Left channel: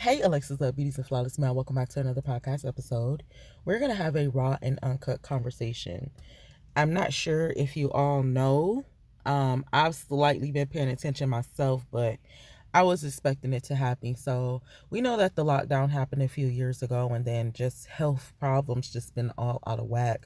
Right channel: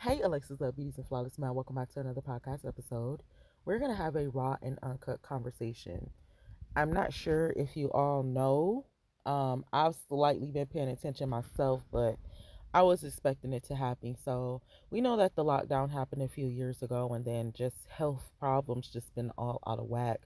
Hey, Alexis Love Beauties and Flawless Man. Welcome back to another podcast episode. We're going to have a raw and uncut conversation. I'm not sure if you all know. I've slightly been paying attention myself, but I was expecting it to happen. So we know that the lockdown happened a few years ago, and then just health problems just been all out of whack.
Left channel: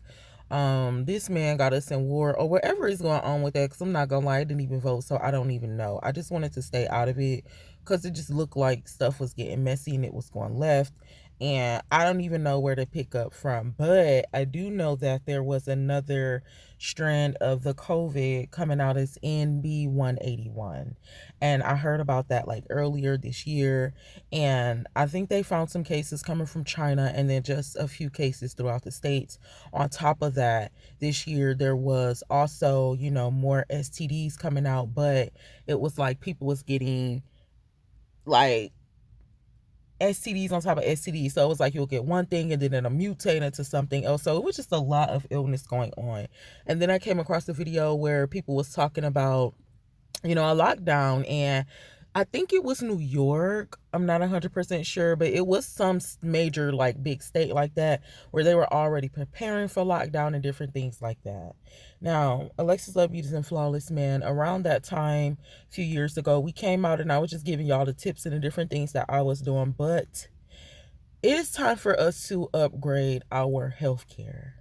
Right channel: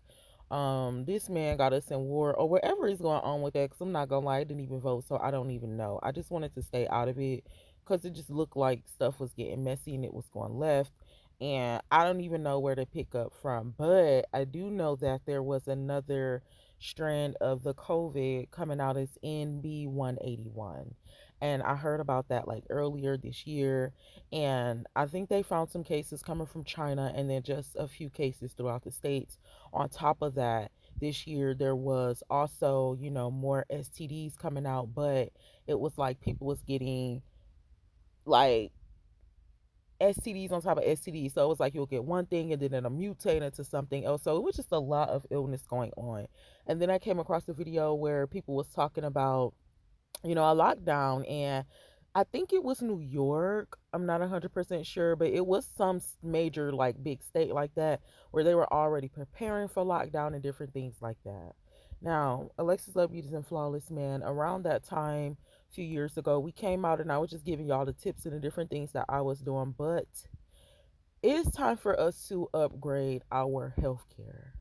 This man got us in war or whatever is going on with that. Cause I'm not gonna lie, I didn't even vote, so I don't even know. I just wanted to stay out of it because it just looked like stuff was getting messy and it was going left. And I don't even know where to pick up from. But I do know that there was another strand of the COVID coming out as NB181. And I heard about that like earlier this year. And I think they found some cases coming from China and then just a few cases throughout the States. On top of that, this year there was also, more STDs coming out, but it was like people was getting like STDs on top of STDs. So it was like you'll get one thing and then it'll mutate into something else. So it was just a lot of illness going on. And then I came across a video where people was talking about, a lockdown, and I think it was New York. I'm not 100% sure, but it was some major, like, big state like that where they were already preparing for lockdown and different things like that. Now, Alexis Love Beauties and Flawless Man, around that time, a few years ago, we came out and I was just giving y'all the tips and the different things that I was doing, but it is time for us to upgrade our healthcare.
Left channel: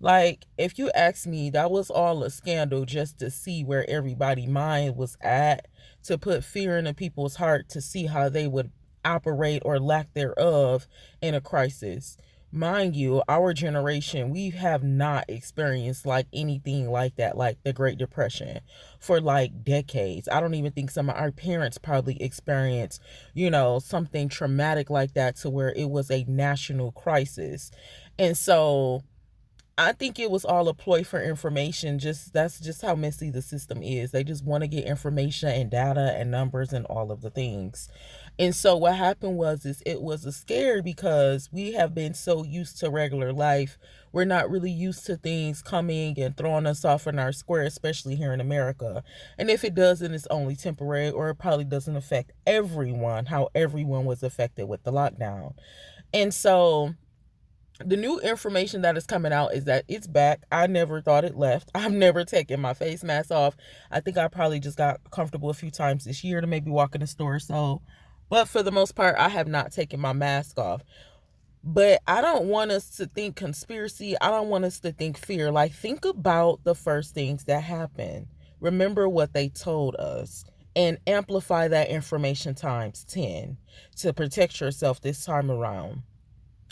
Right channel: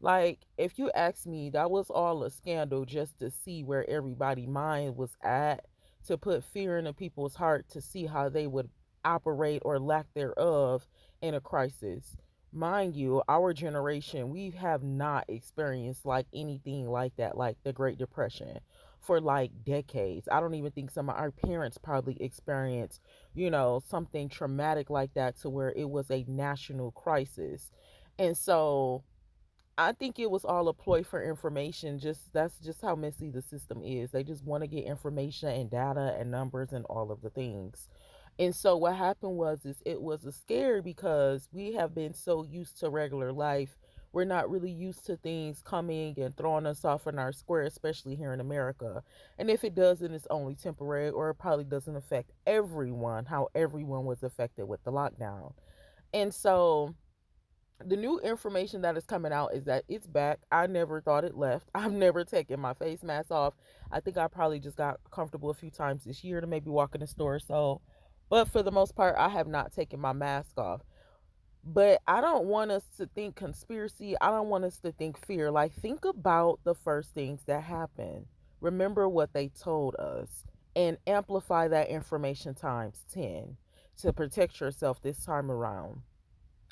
Like, if you ask me, that was all a scandal just to see where everybody's mind was at, to put fear into people's heart to see how they would operate or lack thereof in a crisis. Mind you, our generation, we have not experienced like anything like that, like the Great Depression, for like decades. I don't even think some of our parents probably experienced, something traumatic like that to where it was a national crisis. And so I think it was all a ploy for information. Just that's just how messy the system is. They just want to get information and data and numbers and all of the things. And so what happened was is it was a scare because we have been so used to regular life. We're not really used to things coming and throwing us off in our square, especially here in America. And if it does, then it's only temporary, or it probably doesn't affect everyone how everyone was affected with the lockdown. And so the new information that is coming out is that it's back. I never thought it left. I've never taken my face mask off. I think I probably just got comfortable a few times this year to maybe walk in the store. So, but for the most part, I have not taken my mask off. But I don't want us to think conspiracy. I don't want us to think fear. Like, think about the first things that happened. Remember what they told us and amplify that information times 10 to protect yourself this time around.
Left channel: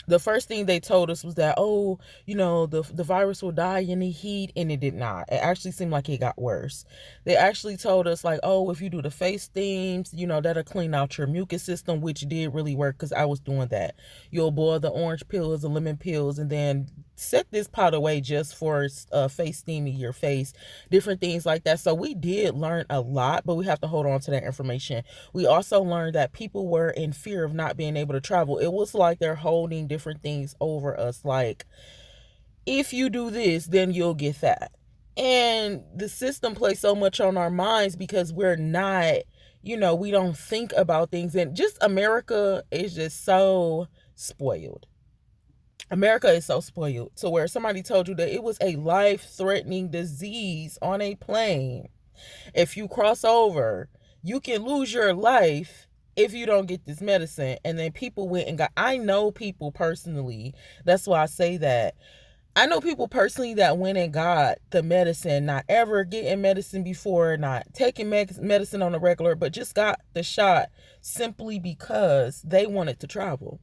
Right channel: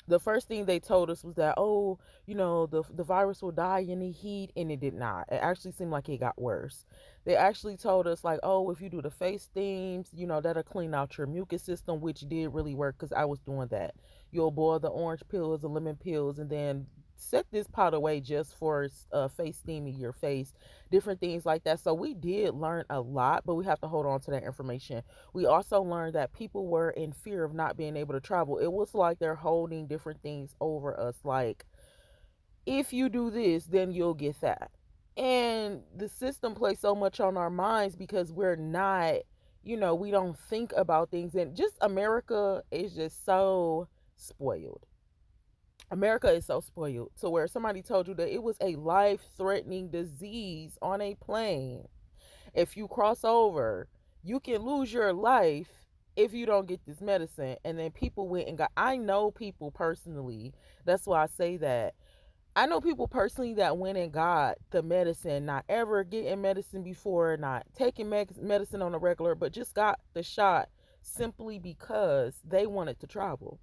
The first thing they told us was that, oh, the virus will die in the heat, and it did not. It actually seemed like it got worse. They actually told us like, oh, if you do the face steams, that'll clean out your mucus system, which did really work because I was doing that. You'll boil the orange pills, the lemon pills, and then set this pot away just for face steaming your face, different things like that. So we did learn a lot, but we have to hold on to that information. We also learned that people were in fear of not being able to travel. It was like they're holding different things over us, like, if you do this, then you'll get that. And the system plays so much on our minds because we're not, we don't think about things. And just America is just so spoiled. America is so spoiled to where somebody told you that it was a life-threatening disease on a plane. If you cross over, you can lose your life if you don't get this medicine. And then people went and got, I know people personally, that's why I say that. I know people personally that went and got the medicine, not ever getting medicine before, not taking medicine on a regular, but just got the shot simply because they wanted to travel.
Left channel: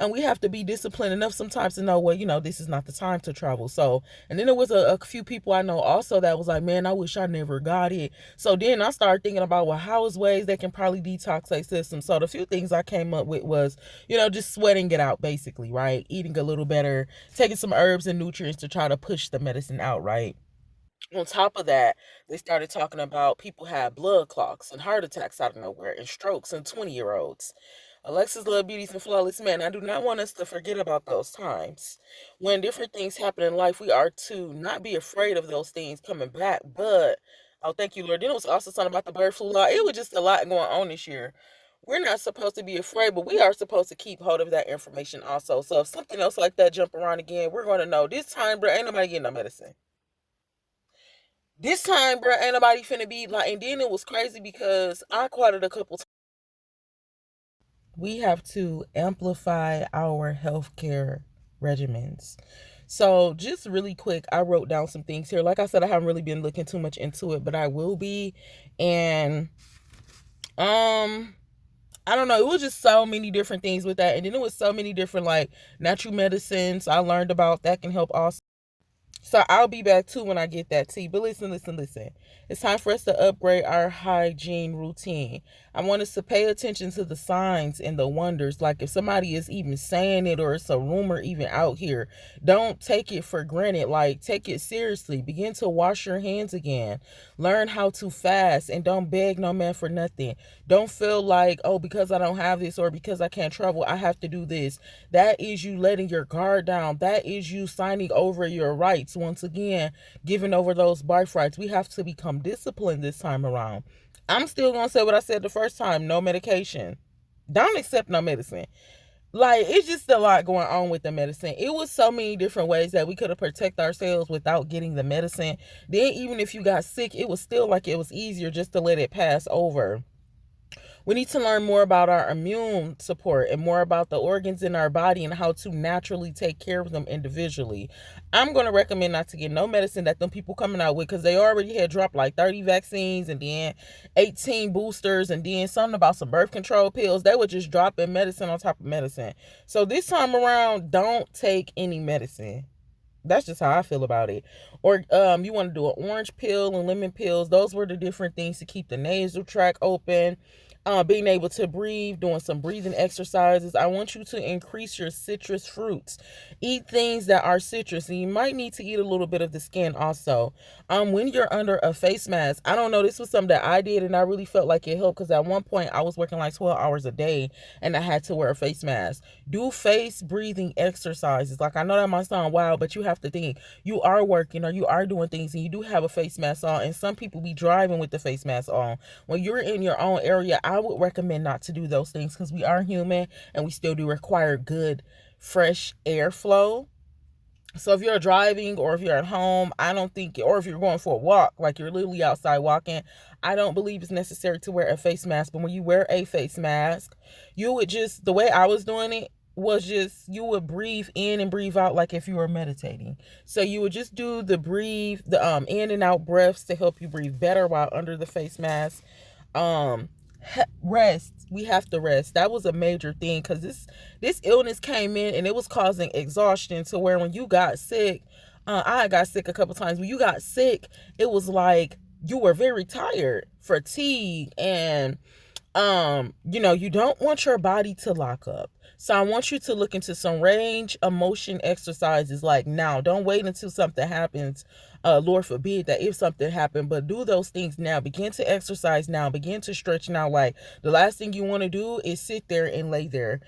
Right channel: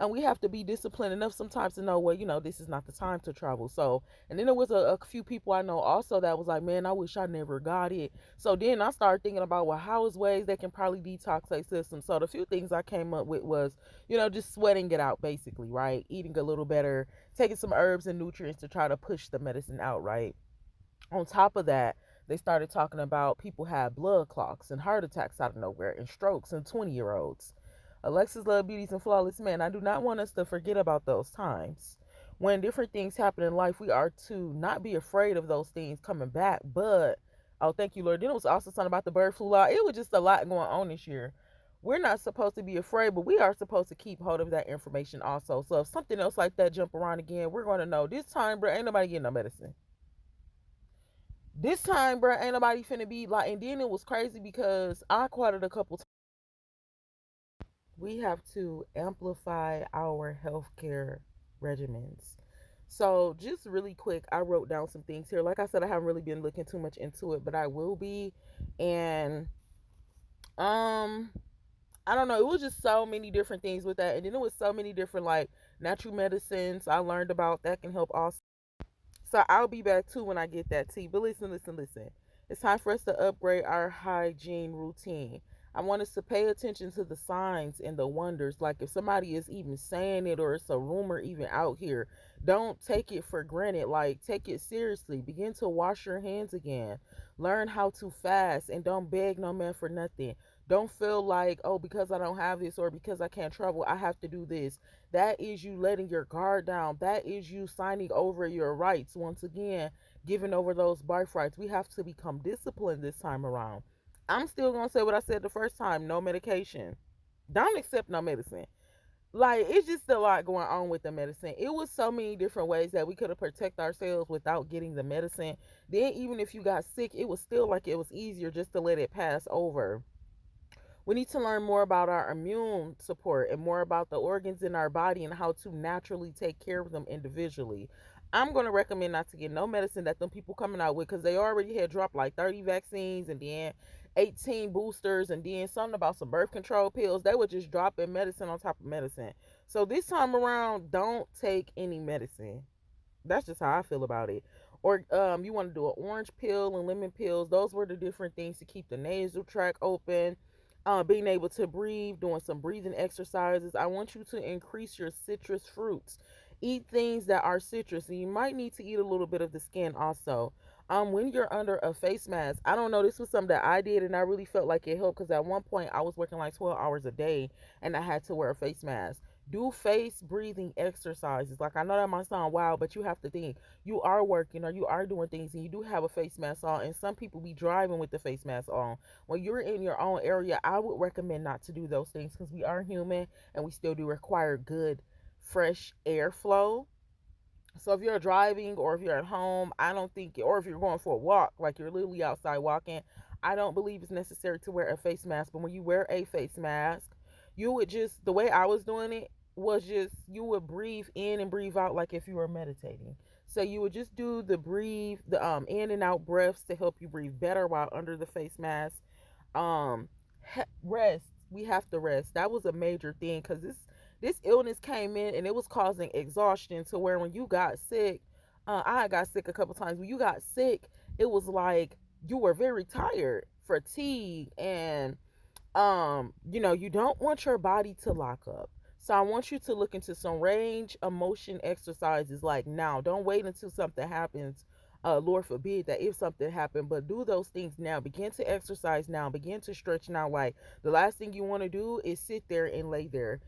And we have to be disciplined enough sometimes to know, well, this is not the time to travel. So, and then there was a few people I know also that was like, man, I wish I never got it. So then I started thinking about, well, how is ways they can probably detox their system. So the few things I came up with was, just sweating it out basically, right? Eating a little better, taking some herbs and nutrients to try to push the medicine out, right? On top of that, they started talking about people have blood clots and heart attacks out of nowhere and strokes in 20-year-olds. Alexis Love Beauties and Flawless Man, I do not want us to forget about those times. When different things happen in life, we are to not be afraid of those things coming back. But, oh, thank you, Lord. Then it was also something about the bird flu law. It was just a lot going on this year. we're not supposed to be afraid, but we are supposed to keep hold of that information also. So if something else like that jump around again, we're going to know this time, bro, ain't nobody getting no medicine. This time, bro, ain't nobody finna be like. And then it was crazy because I caught it a couple times. We have to amplify our healthcare regimens. So just really quick, I wrote down some things here. Like I said, I haven't really been looking too much into it, but I will be. And um I don't know, it was just so many different things with that. And then it was so many different like natural medicines I learned about that can help also. So I'll be back too when I get that tea. But listen. It's time for us to upgrade our hygiene routine. I want us to pay attention to the signs and the wonders. Like if somebody is even saying it or it's a rumor even out here, don't take it for granted. Like take it seriously. Begin to wash your hands again. Learn how to fast and don't beg no man for nothing. Don't feel like, oh, because I don't have this or because I can't travel, I have to do this. That is you letting your guard down. That is you signing over your rights. Once again, giving over those birthrights. We have to become disciplined this time around. I'm still going to say what I said the first time. No medication. Don't accept no medicine. Like, it's just a lot going on with the medicine. It was so many different ways that we could have protected ourselves without getting the medicine. Then even if you got sick, it was still like it was easier just to let it pass over. We need to learn more about our immune support and more about the organs in our body and how to naturally take care of them individually. I'm going to recommend not to get no medicine that them people coming out with because they already had dropped like 30 vaccines and then 18 boosters and then something about some birth control pills. They were just dropping medicine on top of medicine. So this time around, don't take any medicine. That's just how I feel about it. Or you want to do an orange pill and lemon pills. Those were the different things to keep the nasal tract open. Being able to breathe, doing some breathing exercises. I want you to increase your citrus fruits. Eat things that are citrus, and you might need to eat a little bit of the skin also. When you're under a face mask, I don't know, this was something that I did, and I really felt like it helped because at one point I was working like 12 hours a day, and I had to wear a face mask. Do face breathing exercises. Like I know that might sound wild, but you have to think you are working or you are doing things, and you do have a face mask on, and some people be driving with the face mask on. When you're in your own area, I would recommend not to do those things because we are human and we still do require good, fresh airflow. So if you're driving or if you're at home, I don't think, or if you're going for a walk, like you're literally outside walking, I don't believe it's necessary to wear a face mask. But when you wear a face mask, you would just, the way I was doing it was just, you would breathe in and breathe out like if you were meditating. So you would just do the breathe, the in and out breaths to help you breathe better while under the face mask. um Rest. We have to rest. That was a major thing because this illness came in and it was causing exhaustion to where when you got sick, I got sick a couple times. When you got sick, it was like you were very tired, fatigue, and you don't want your body to lock up. So I want you to look into some range of motion exercises like now. Don't wait until something happens. Lord forbid that if something happened, but do those things now. Begin to exercise now. Begin to stretch now. Like the last thing you want to do is sit there and lay there.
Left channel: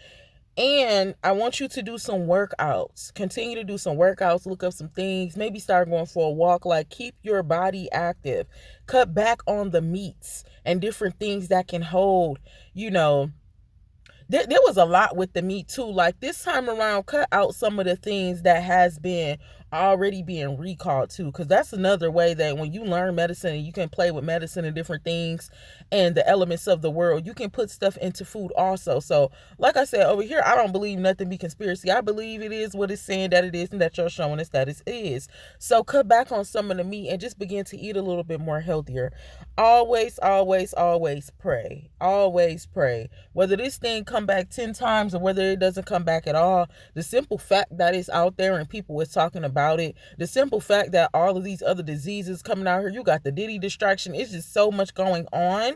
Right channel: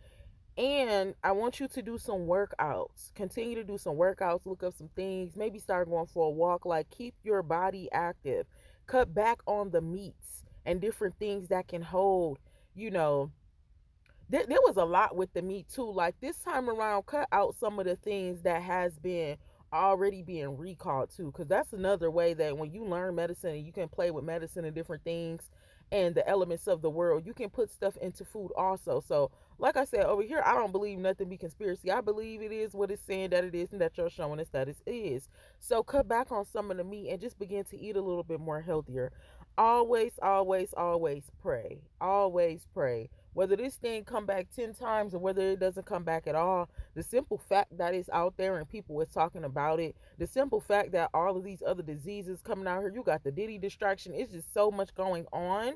And I want you to do some workouts. Continue to do some workouts, look up some things, maybe start going for a walk. Like keep your body active. Cut back on the meats and different things that can hold, you know, there was a lot with the meat too. Like this time around, cut out some of the things that has been already being recalled too, because that's another way that when you learn medicine and you can play with medicine and different things and the elements of the world, you can put stuff into food also. So like I said, over here I don't believe nothing be conspiracy. I believe it is what it's saying that it is and that you're showing us that it is. So cut back on some of the meat and just begin to eat a little bit more healthier. Always pray. Always pray. Whether this thing come back 10 times or whether it doesn't come back at all, the simple fact that it's out there and people is talking about it, the simple fact that all of these other diseases coming out here, you got the Diddy distraction, it's just so much going on.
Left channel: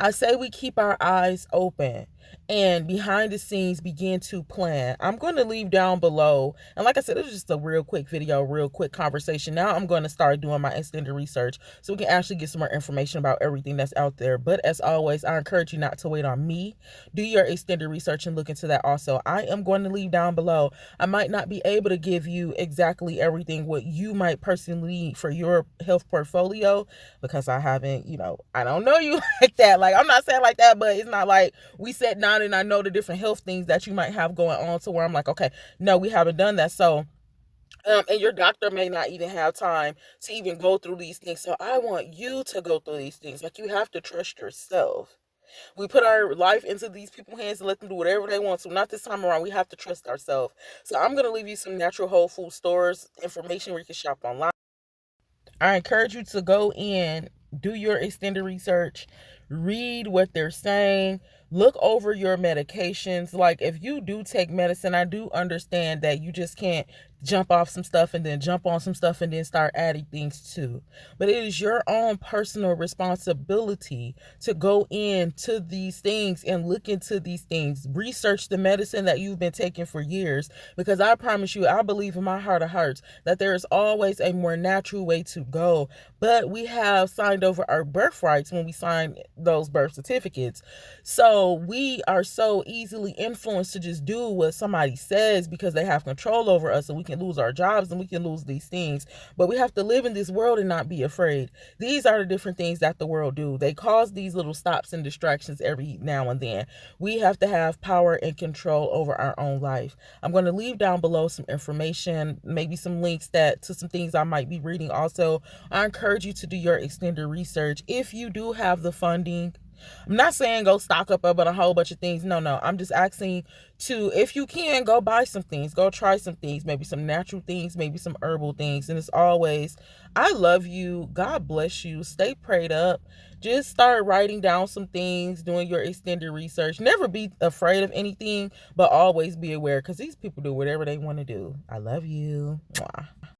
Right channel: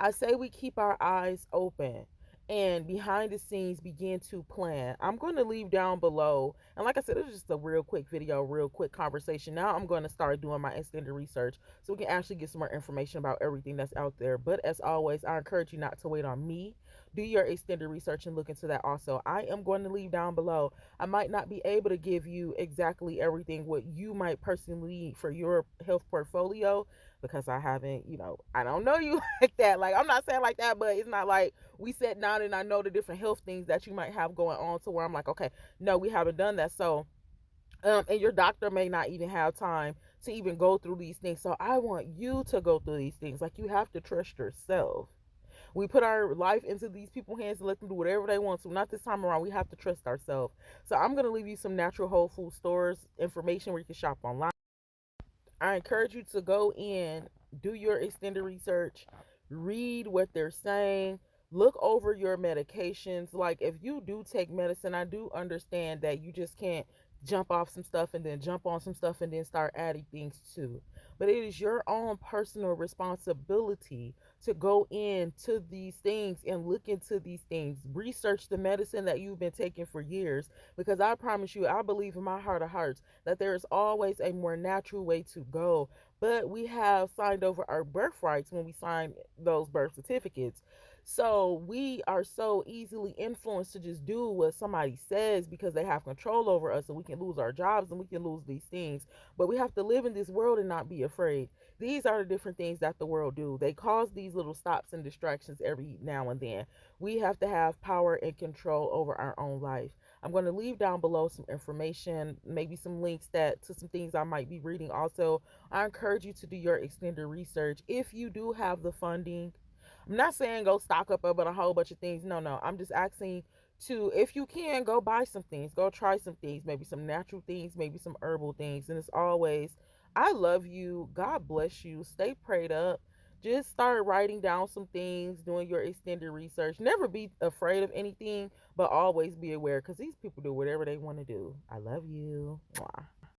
I say we keep our eyes open. and behind the scenes begin to plan. I'm going to leave down below, and like I said, it was just a real quick video, real quick conversation. Now I'm going to start doing my extended research so we can actually get some more information about everything that's out there. But as always, I encourage you not to wait on me. Do your extended research and look into that also. I am going to leave down below. I might not be able to give you exactly everything what you might personally need for your health portfolio, because I haven't, I don't know you like that. Like, I'm not saying like that, but it's not like we sat down and I know the different health things that you might have going on to where I'm like, okay, no, we haven't done that. So, and your doctor may not even have time to even go through these things. So I want you to go through these things. Like, you have to trust yourself. We put our life into these people's hands and let them do whatever they want to. Not this time around. We have to trust ourselves. So I'm going to leave you some natural whole food stores information where you can shop online. I encourage you to go in, do your extended research, read what they're saying, look over your medications. Like, if you do take medicine, I do understand that you just can't jump off some stuff and then jump on some stuff and then start adding things too. But it is your own personal responsibility to go into these things and look into these things. Research the medicine that you've been taking for years, because I promise you, I believe in my heart of hearts that there is always a more natural way to go. But we have signed over our birthrights when we sign those birth certificates. So we are so easily influenced to just do what somebody says because they have control over us, and we can lose our jobs and we can lose these things. But we have to live in this world and not be afraid. These are the different things that the world do. They cause these little stops and distractions every now and then. We have to have power and control over our own life. I'm going to leave down below some information, maybe some links to some things I might be reading. Also, I encourage you to do your extended research if you do have the funding. I'm not saying go stock up on a whole bunch of things. No. I'm just asking to, if you can, go buy some things, go try some things, maybe some natural things, maybe some herbal things. And as always, I love you. God bless you. Stay prayed up. Just start writing down some things, doing your extended research. Never be afraid of anything, but always be aware, because these people do whatever they want to do. I love you. Mwah.